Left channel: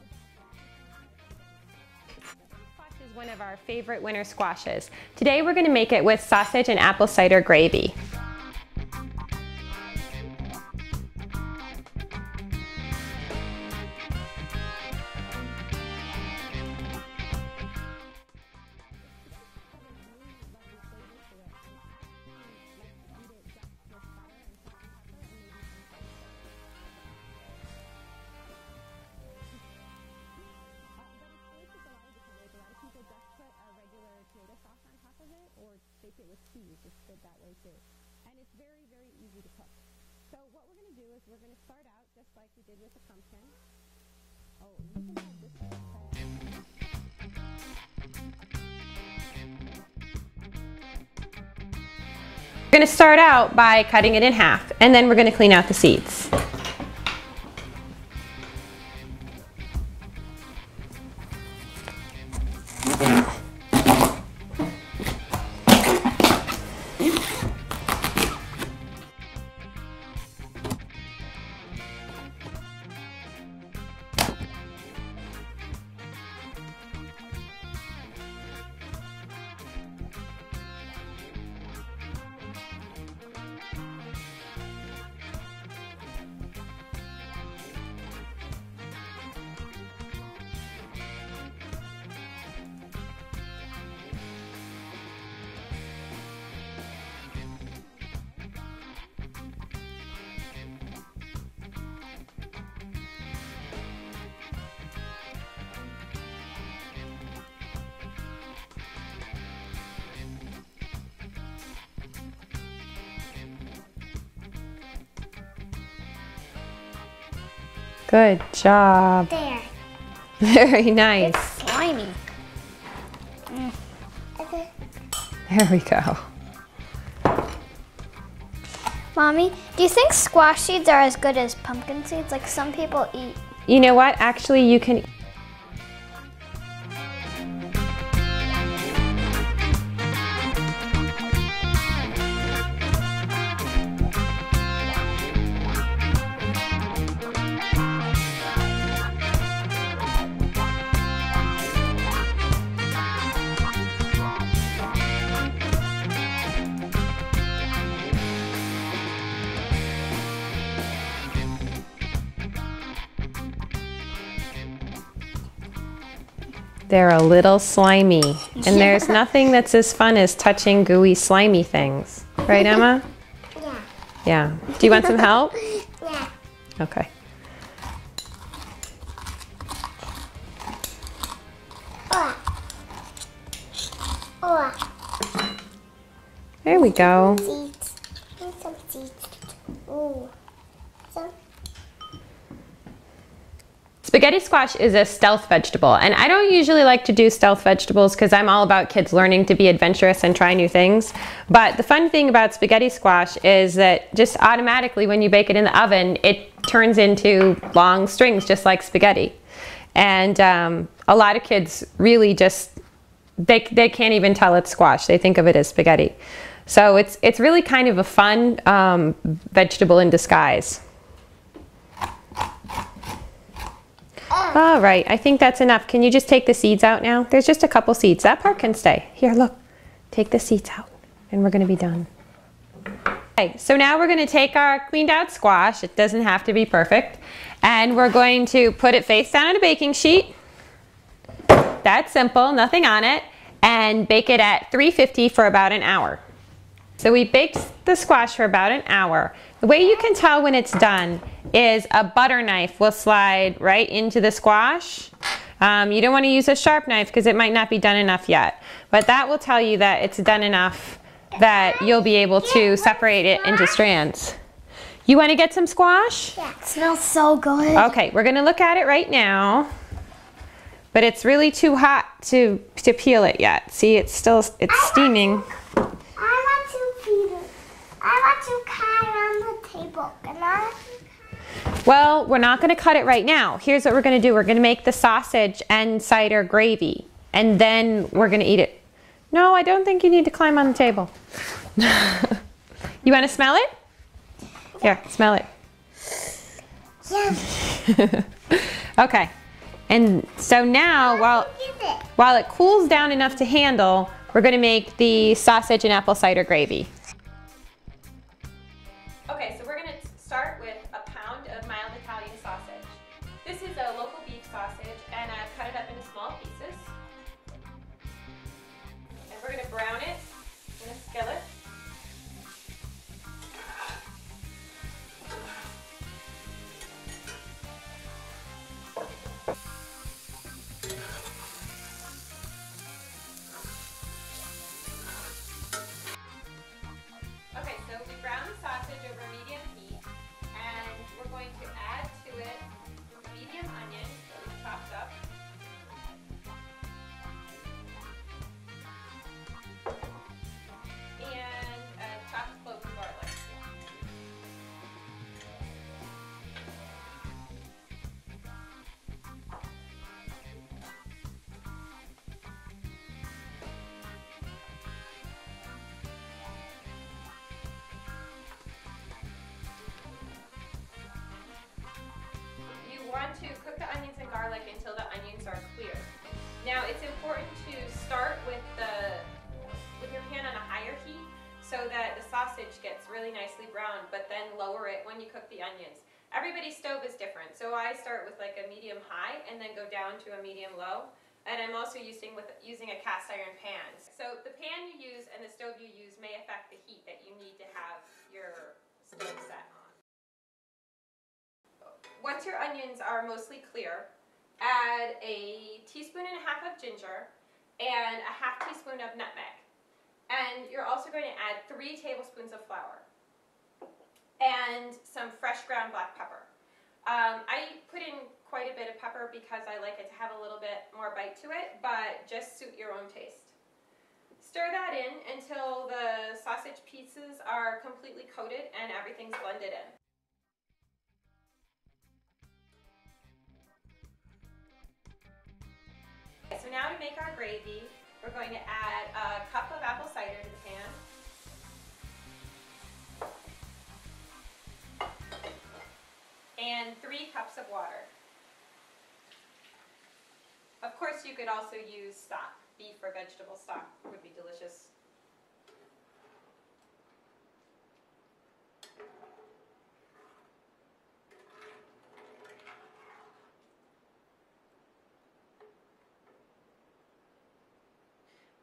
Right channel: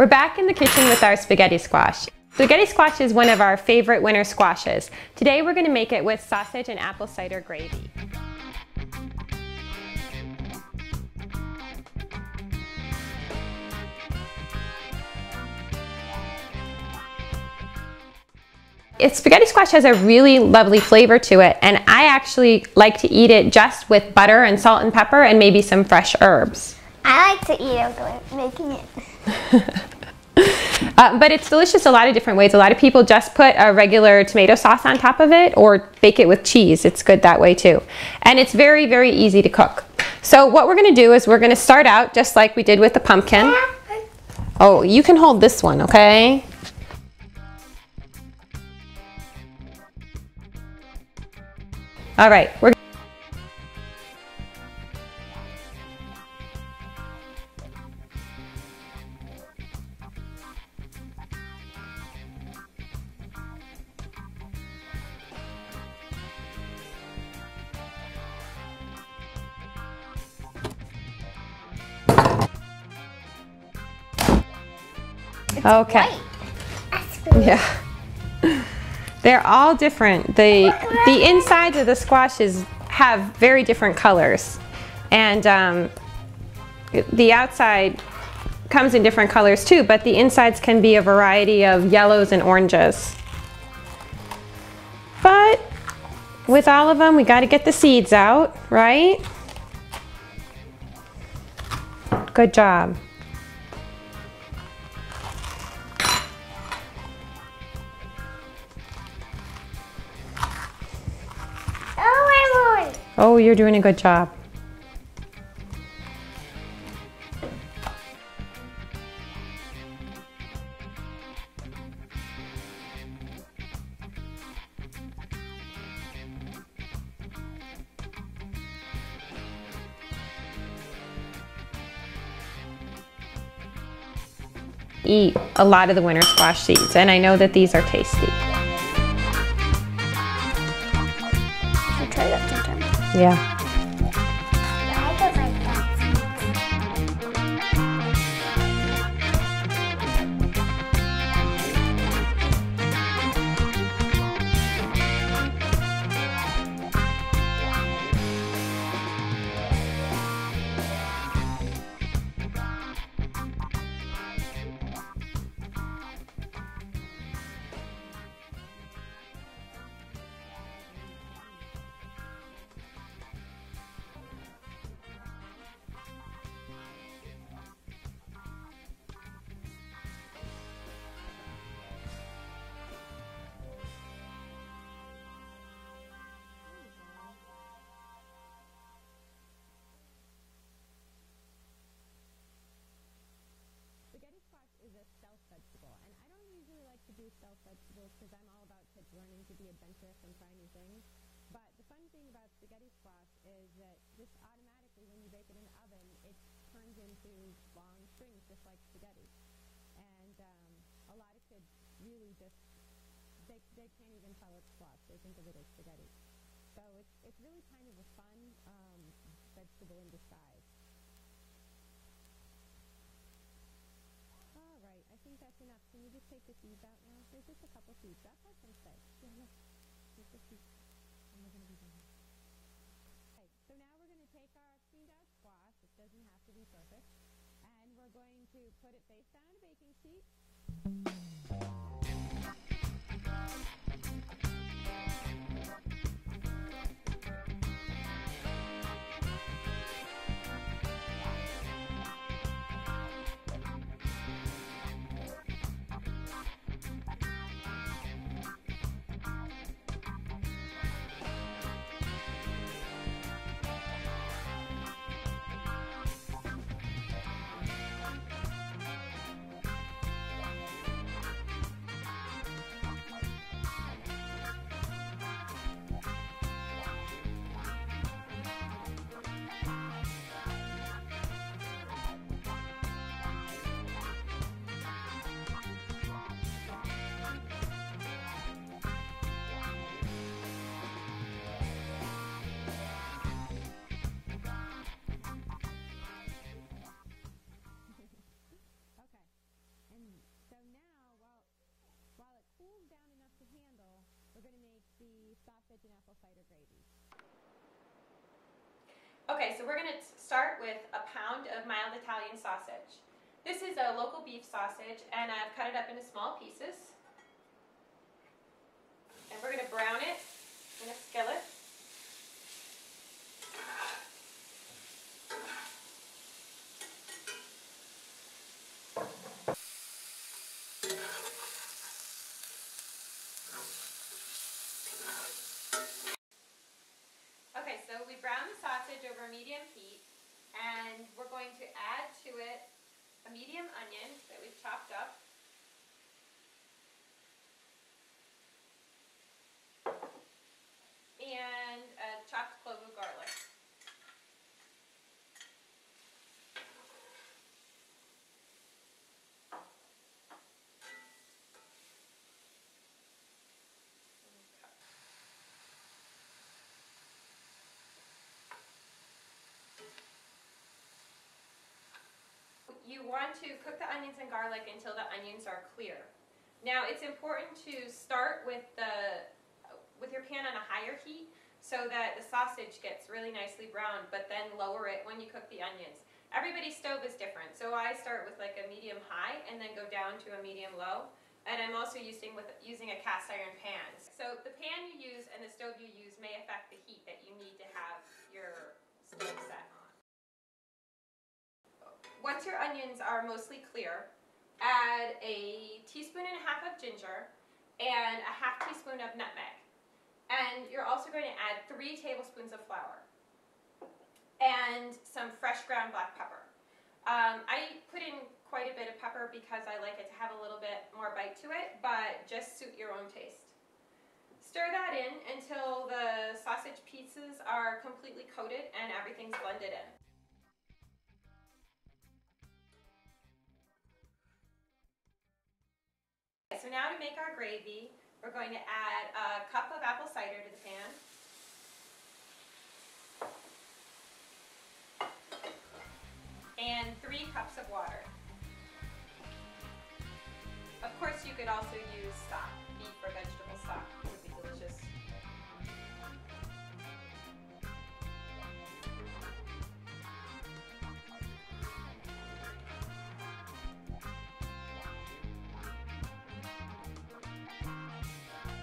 We're back in the kitchen with our spaghetti squash. Spaghetti squash is one of our favorite winter squashes. Today we're going to make it with sausage and apple cider gravy. Spaghetti squash has a really lovely flavor to it, and I actually like to eat it just with butter and salt and pepper and maybe some fresh herbs. I like to eat it without making it. But it's delicious a lot of different ways. A lot of people just put a regular tomato sauce on top of it or bake it with cheese. It's good that way too. And it's very, very easy to cook. So what we're going to do is we're going to start out just like we did with the pumpkin. Oh, you can hold this one, okay? All right, we're going to start out by cutting it in half, and then we're going to clean out the seeds. Okay. Yeah. They're all different. The insides of the squashes have very different colors, and the outside comes in different colors too, but the insides can be a variety of yellows and oranges. But with all of them, we got to get the seeds out, right? Good job. Oh, you're doing a good job. Good job. There. Very nice. It's slimy. There we go. Mommy, do you think squash seeds are as good as pumpkin seeds? Like some people eat. You know what? Actually, you can eat a lot of the winter squash seeds, and I know that these are tasty. Yeah. They're a little slimy, and there's nothing that's as fun as touching gooey, slimy things. Right, Emma? Yeah. Yeah. Do you want some help? Yeah. Okay. There we go. Seeds. Here's some seeds. Ooh. Spaghetti squash is a stealth vegetable, and I don't usually like to do stealth vegetables because I'm all about kids learning to be adventurous and try new things. But the fun thing about spaghetti squash is that just automatically when you bake it in the oven, it turns into long strings just like spaghetti. And a lot of kids really just, they can't even tell it's squash. They think of it as spaghetti. So it's really kind of a fun vegetable in disguise. All right, I think that's enough. Can you just take the seeds out now? There's just a couple seeds. That part can stay. Here, look. Take the seeds out, and we're going to be done. Okay, so now we're going to take our cleaned out squash. It doesn't have to be perfect. And we're going to put it face down on a baking sheet. That's simple, nothing on it. And bake it at 350 for about an hour. So we baked the squash for about an hour. The way you can tell when it's done is a butter knife will slide right into the squash. You don't want to use a sharp knife because it might not be done enough yet. But that will tell you that it's done enough that you'll be able to separate it into strands. You want to get some squash? Yeah, it smells so good. Okay, we're going to look at it right now. But it's really too hot to peel it yet. See, it's steaming. I want to peel it. I want to cut it on the table. Can I? Well, we're not going to cut it right now. Here's what we're going to do. We're going to make the sausage and cider gravy, and then we're going to eat it. No, I don't think you need to climb on the table. You want to smell it? Here, smell it. Yeah. Okay. And so now, while it cools down enough to handle, we're going to make the sausage and apple cider gravy. Okay, so we're going to start with a pound of mild Italian sausage. This is a local beef sausage, and I've cut it up into small pieces. And we're going to brown it in a skillet. Okay, so we brown the sausage over medium heat, and we're going to add to it a medium onion that we've chopped up. And a chopped clove of garlic. You want to cook the onions and garlic until the onions are clear. Now it's important to start with your pan on a higher heat so that the sausage gets really nicely browned, but then lower it when you cook the onions. Everybody's stove is different, so I start with like a medium high and then go down to a medium low. And I'm also using a cast iron pan. So the pan you use and the stove you use may affect the heat that you need to have your stove set on. Once your onions are mostly clear, add a teaspoon and a half of ginger and a half teaspoon of nutmeg. And you're also going to add 3 tablespoons of flour and some fresh ground black pepper. I put in quite a bit of pepper because I like it to have a little bit more bite to it, but just suit your own taste. Stir that in until the sausage pieces are completely coated and everything's blended in. So now to make our gravy, we're going to add a cup of apple cider to the pan. And 3 cups of water. Of course, you could also use stock. Beef or vegetable stock would be delicious.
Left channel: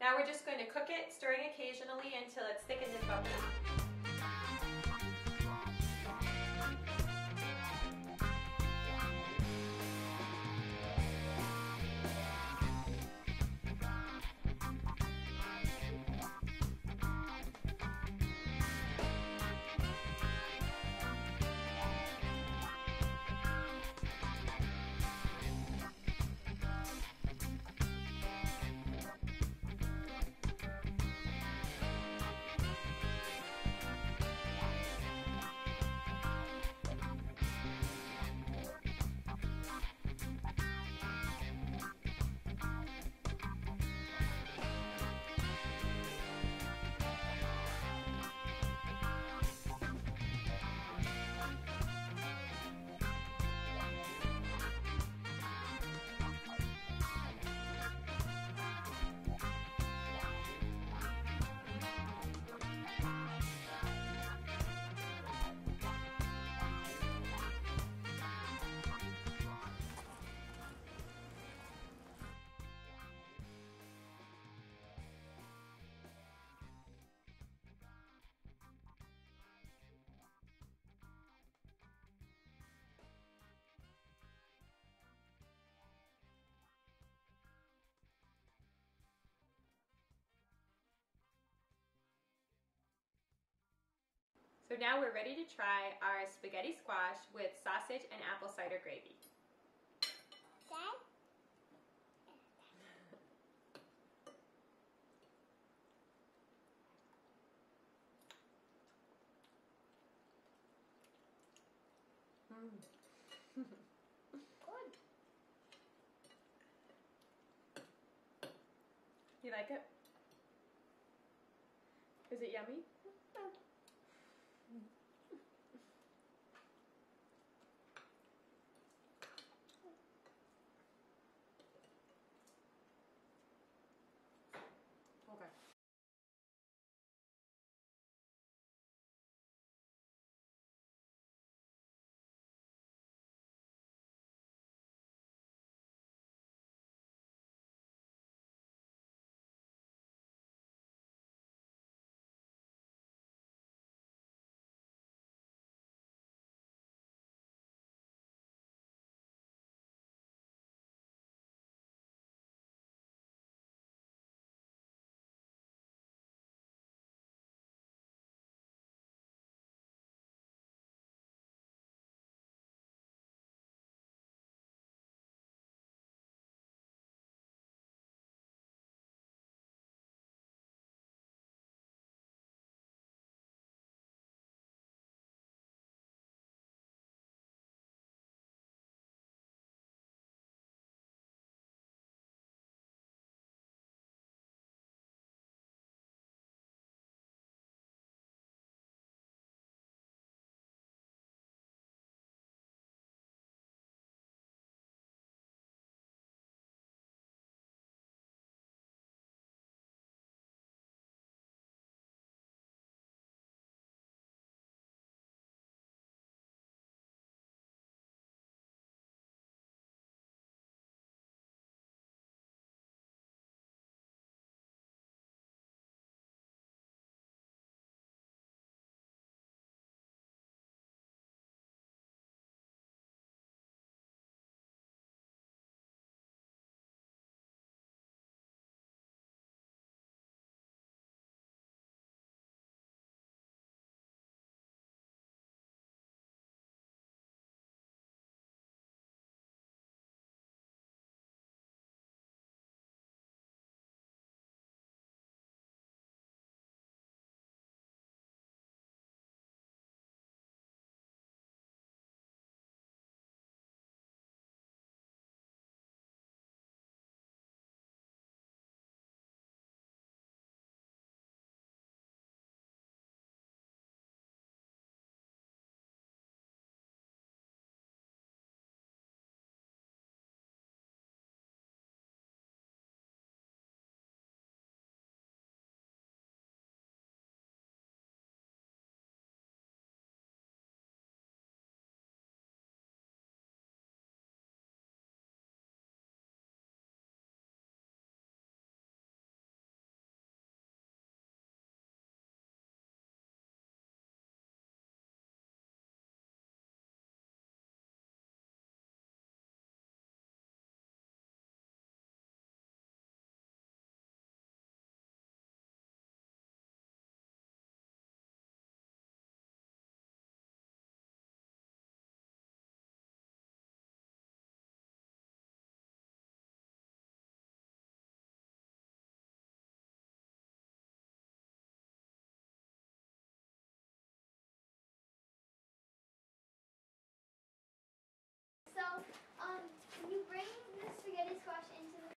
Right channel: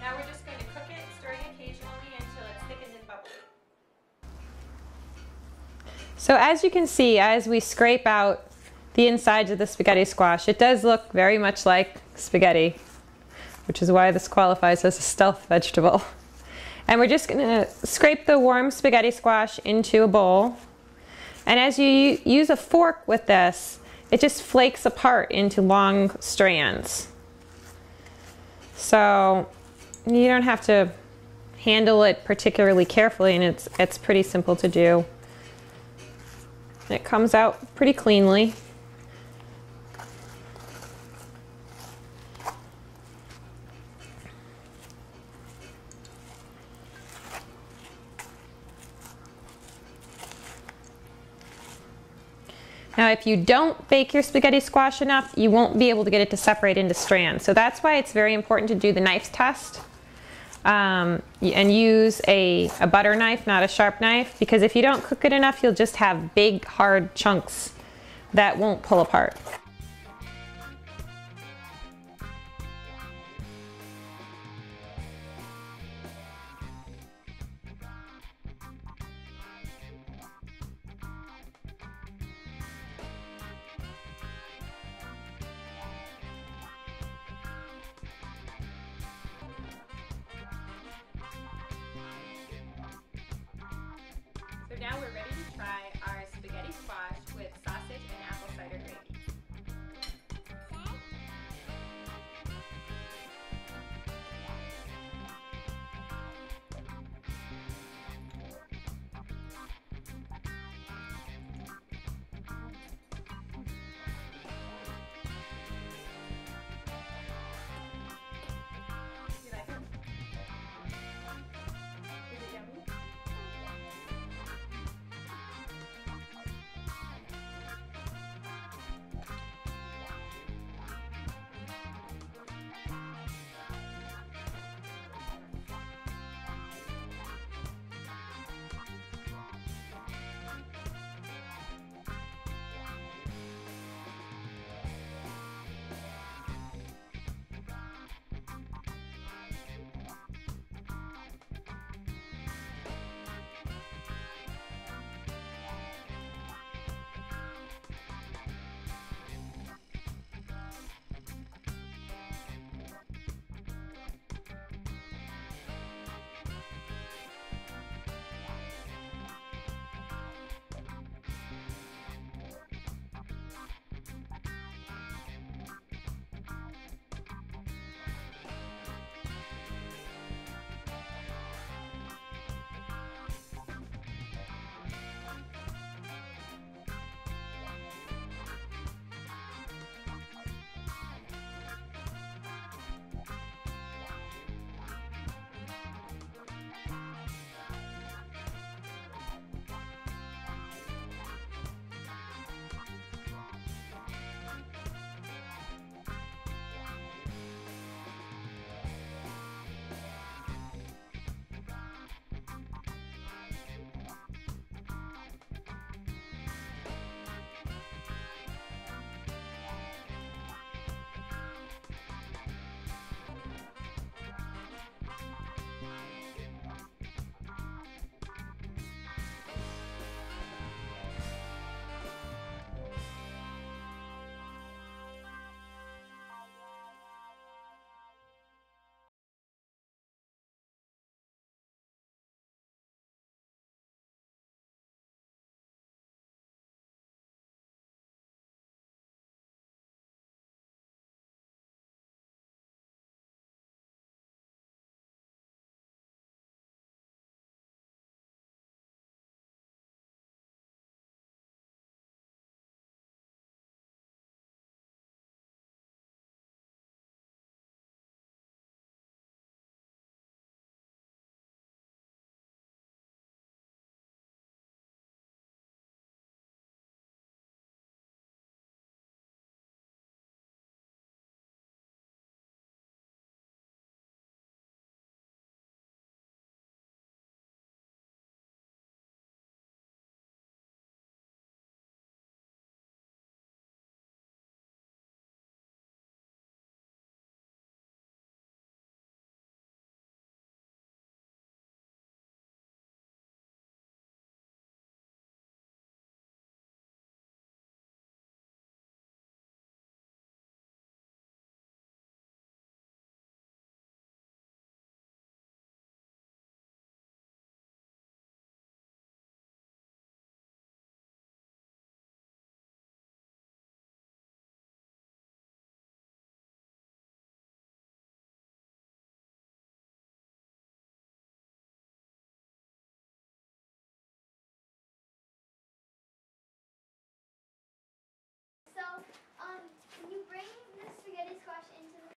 Now we're just going to cook it, stirring occasionally until it's thickened and bubbly. So as you can see, as we scrape out the insides of the spaghetti squash, it does look very much like spaghetti, which is why this qualifies as a stealth vegetable. And we're just going to scrape the warm spaghetti squash into a bowl. And as you use a fork with this, it just flakes apart into long strands. So you don't have to handle it particularly carefully, and it's pretty simple to do. It comes out pretty cleanly. Now, if you don't bake your spaghetti squash enough, you won't be able to get it to separate into strands. So that's why it's very important to do the knife test. And use a butter knife, not a sharp knife, because if you don't cook it enough, you'll just have big, hard chunks that won't pull apart. So now we're ready to try our spaghetti squash with